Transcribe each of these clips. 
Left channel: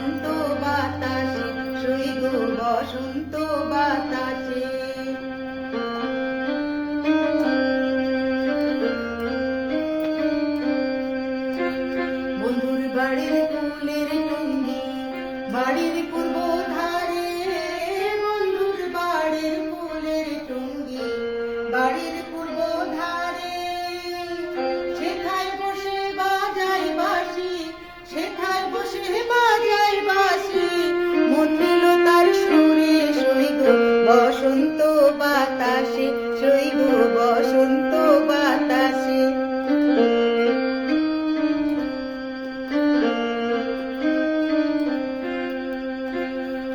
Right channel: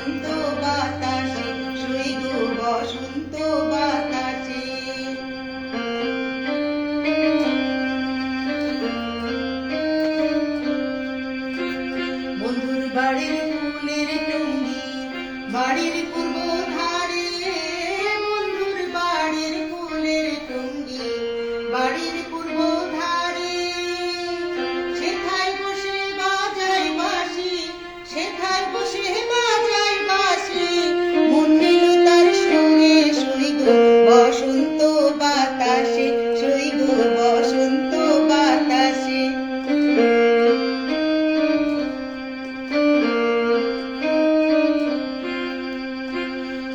বসন্ত বাতাসে সই গো বসন্ত বাতাসে। বন্ধুর বাড়ির ফুলের টুঙ্গি বাড়ির পূর্ব ধারে, বন্ধুর বাড়ির ফুলের টুঙ্গি বাড়ির পূর্ব ধারে, সেথায় বসে বাজাই বাঁশি, সেথায় বসে বাজাই বাঁশি, মন নিল তার সুরে সই গো বসন্ত বাতাসে সই গো বসন্ত বাতাসে।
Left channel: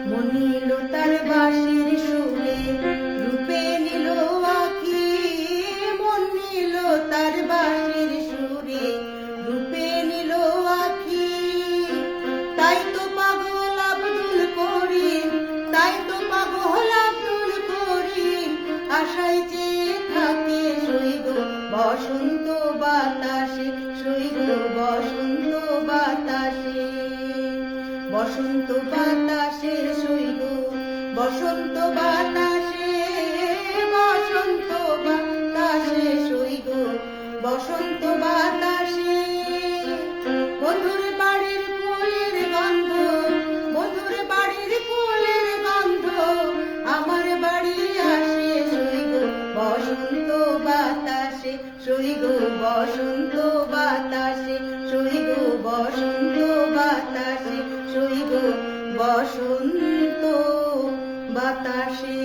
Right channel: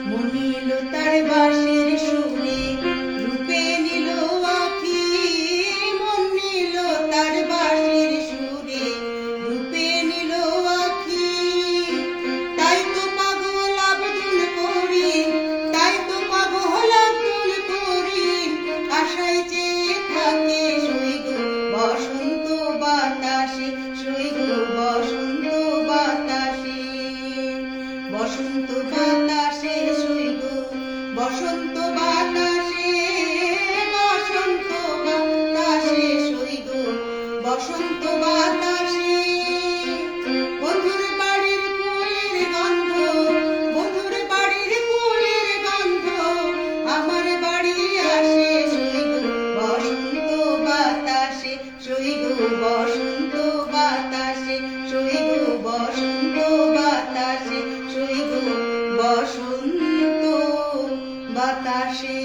মন নিল তার বাঁশির সুরে রূপে নিল আঁখি, মন নিল তার বাঁশির সুরে রূপে নিল আঁখি। তাই তো পাগল আব্দুল করিম, তাই তো পাগল আব্দুল করিম, আশায় চেয়ে থাকে সই গো বসন্ত বাতাসে সই গো বসন্ত বাতাসে। বসন্ত বাতাসে সই গো বসন্ত বাতাসে, বসন্ত বাতাসে সই গো বসন্ত বাতাসে। বন্ধুর বাড়ির ফুলের গন্ধ, বন্ধুর বাড়ির ফুলের গন্ধ আমার বাড়ি আসে সই গো বসন্ত বাতাসে সই গো বসন্ত বাতাসে সই গো বসন্ত বাতাসে সই গো বসন্ত বাতাসে।